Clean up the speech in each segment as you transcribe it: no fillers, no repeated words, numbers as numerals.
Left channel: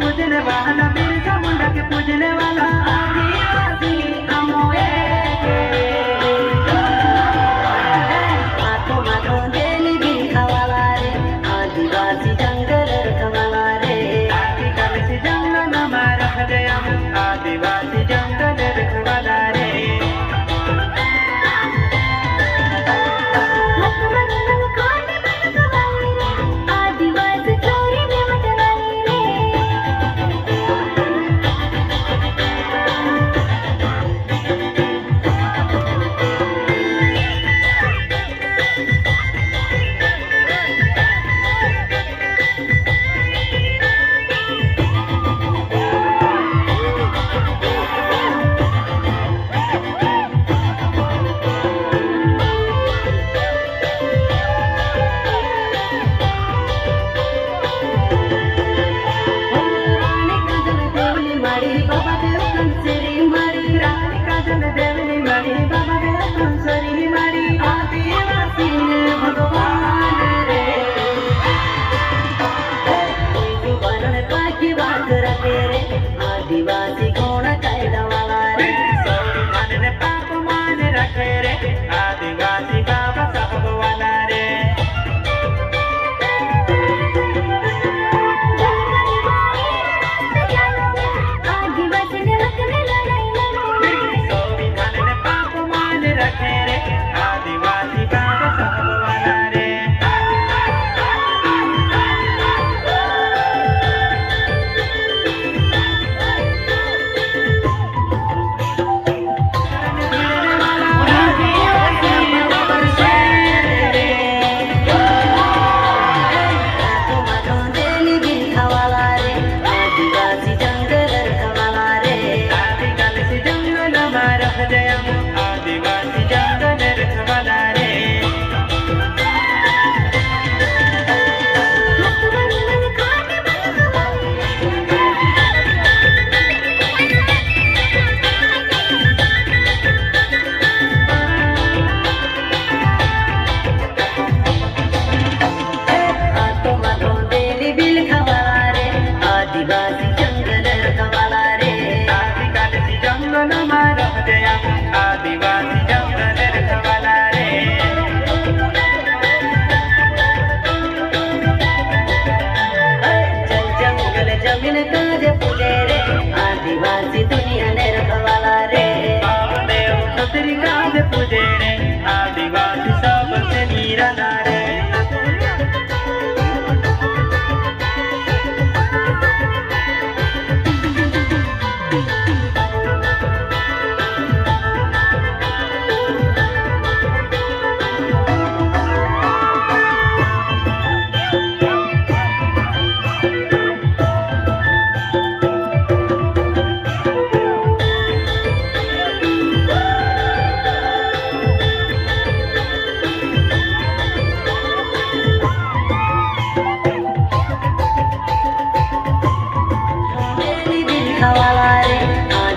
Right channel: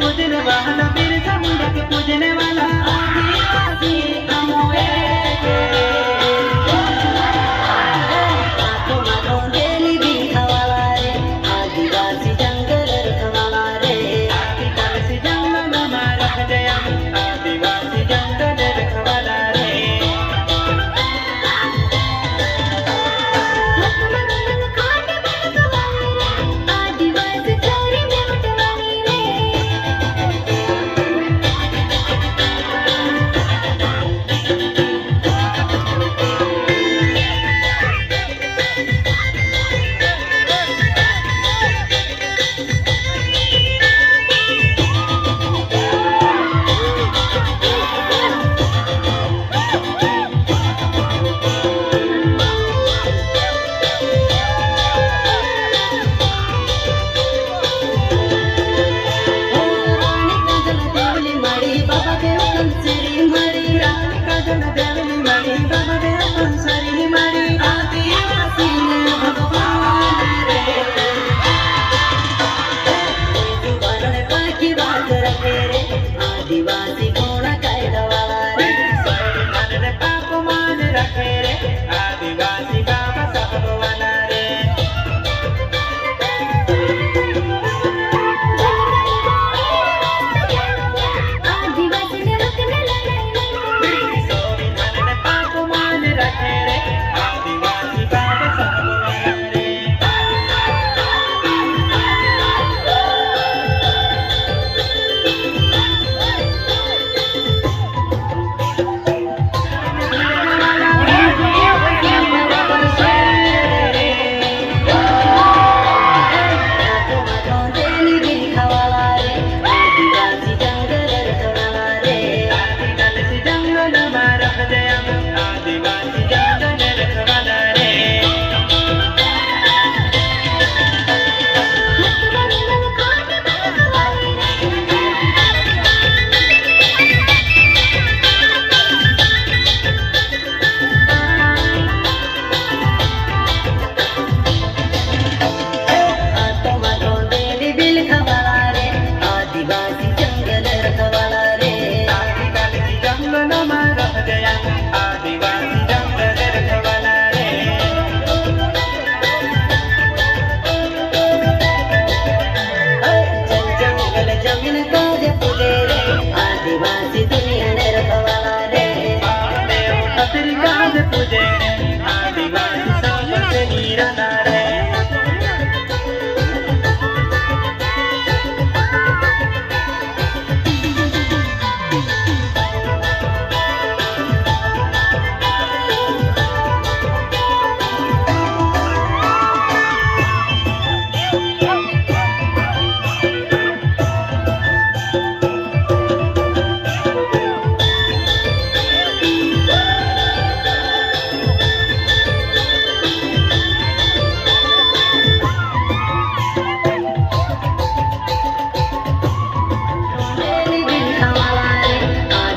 पूजने वाला, बिरसा मुंडा के पूजने वाला आदिवासी कमोए माथो माथो डेली दिखा वाला रे आदिवासी जंगल रखवाला रे आदिवासी जंगल में रख गया आदिवासी जंगल रखवाला रे आदिवासी कोण कायदा वाला रे संविधान ने पाप मान रखे रे आदिवासी बाबा साहब वाला रे आदिवासी ने रखने संविधान ने पाप मान रखे रे आदिवासी बाबा साहब वाला रे आदिवासी दुनिया ने रखवाला रे पूजे आदिवासी सबसे नीरा रे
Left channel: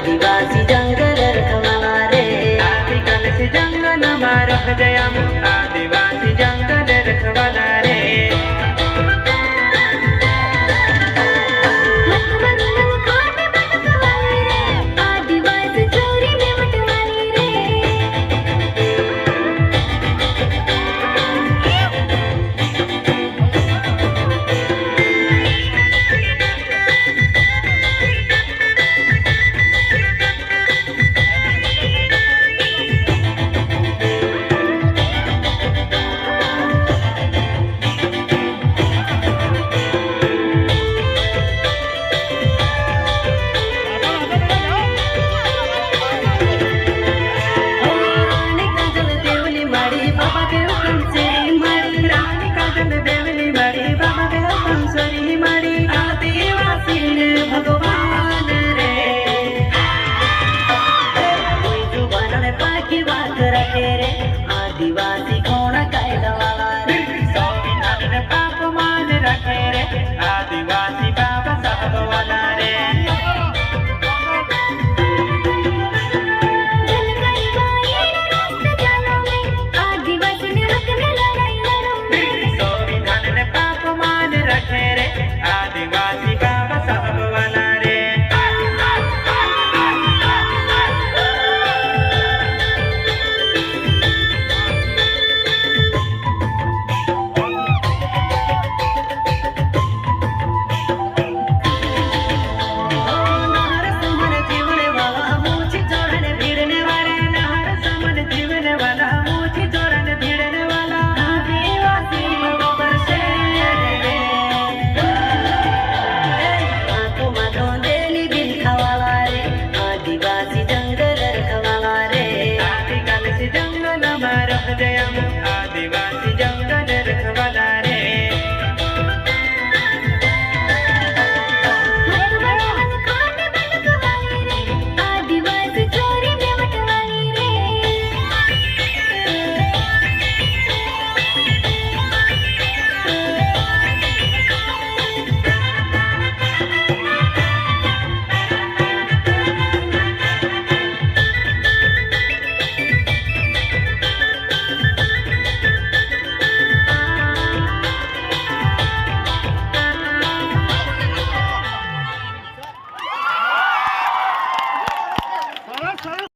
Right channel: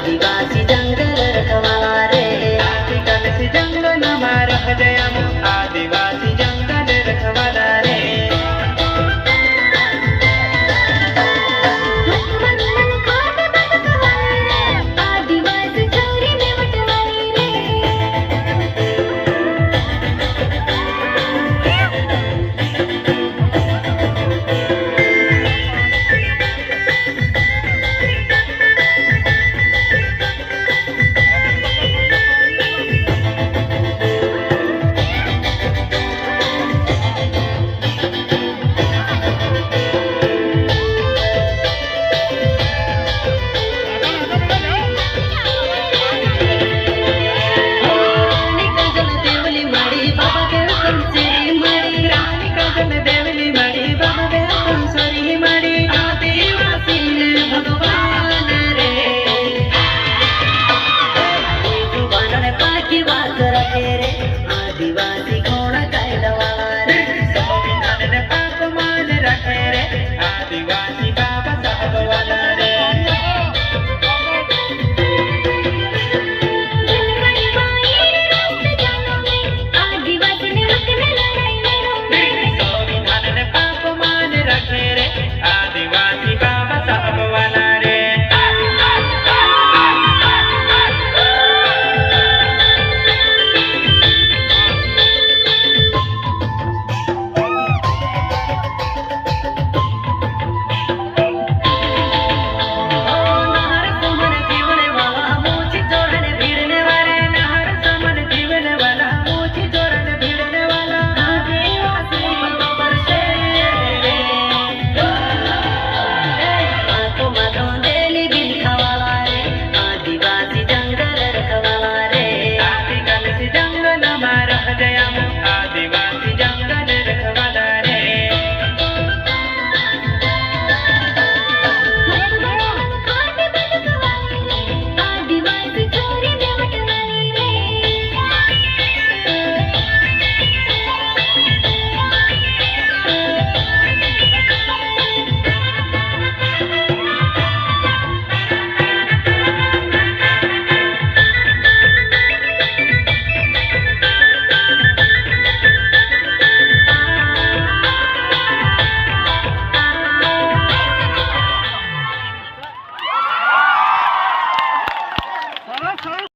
आदिवासी जंगल रखवाला रे आदिवासी चोरी में बटवानी आदिवासी कोण कायदा वाला रे संविधान ने पाप मान रखे रे आदिवासी बाबा साहब वाला